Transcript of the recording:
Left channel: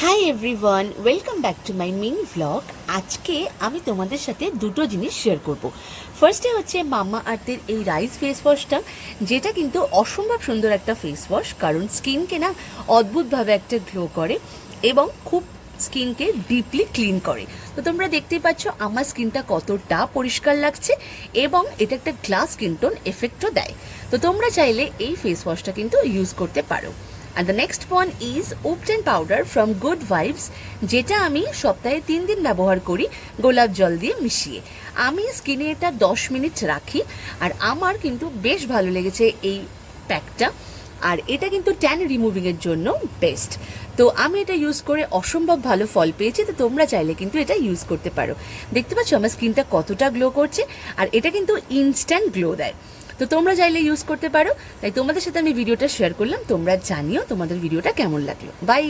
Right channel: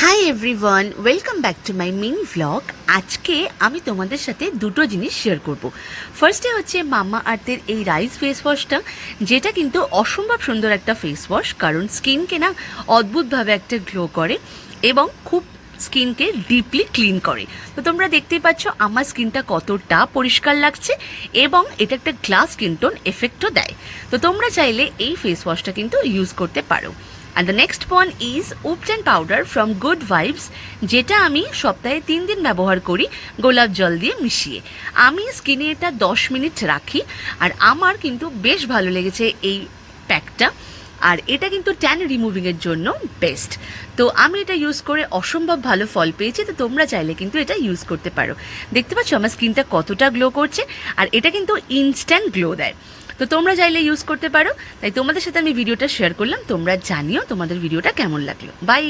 Hi everyone, welcome back to my mini vlog. আজকে আমি তোমাদের সাথে দুটো জিনিস শেয়ার করব। ফার্স্টে হচ্ছে মামা আর্থের এই রাইস ফেস ওয়াশটা, যেটা কিন্তু অসম্ভব সুন্দর একটা ফেস ওয়াশ, কারণ স্কিনকে না অদ্ভুতভাবে একটা গ্লো করে এবং খুব স্কিনকে ডিপলি ক্লিন করে। তো তোমরা দেখতেই পাচ্ছ আমার স্কিনটা কতটা পরিষ্কার লাগছে এবং এটা একটা গ্লাস স্কিন টোন এফেক্টও দেয়। তো তোমরা চাইলে এই ফেস ওয়াশটা কিন্তু ইউজ করতে পারো। And the next one is Upton powder from Good Vibes, যেটা আমি সপ্তাহে 3 দিন ব্যবহার করি গোলাপ জল দিয়ে মিশিয়ে। আমি স্কিনে এটা 10 মিনিট রাখি আর আমার কিন্তু বেশ ভালো লেগেছে এই প্যাকটা। আর এটা কিন্তু ট্যান রিমুভিংয়ের জন্য বেস্ট। তো আমি এটা ইউজ করে অসম্ভব ভালো ফল পেয়েছি। তো তোমরা চাইলে কিন্তু এটা ইউজ করতে পারো। দেখতে পাচ্ছ আমার স্কিনটা কতটা গ্লো করছে, আর এটা কিন্তু ইনস্ট্যান্ট গ্লো দেয়। তো তোমরা চাইলে ইউজ করতে পারো। তাই তোমাদের সাথে আমি ভিডিওটা শেয়ার করলাম। তোমরা জানিও তোমাদের ভিডিওটা কেমন লাগলো। বাই।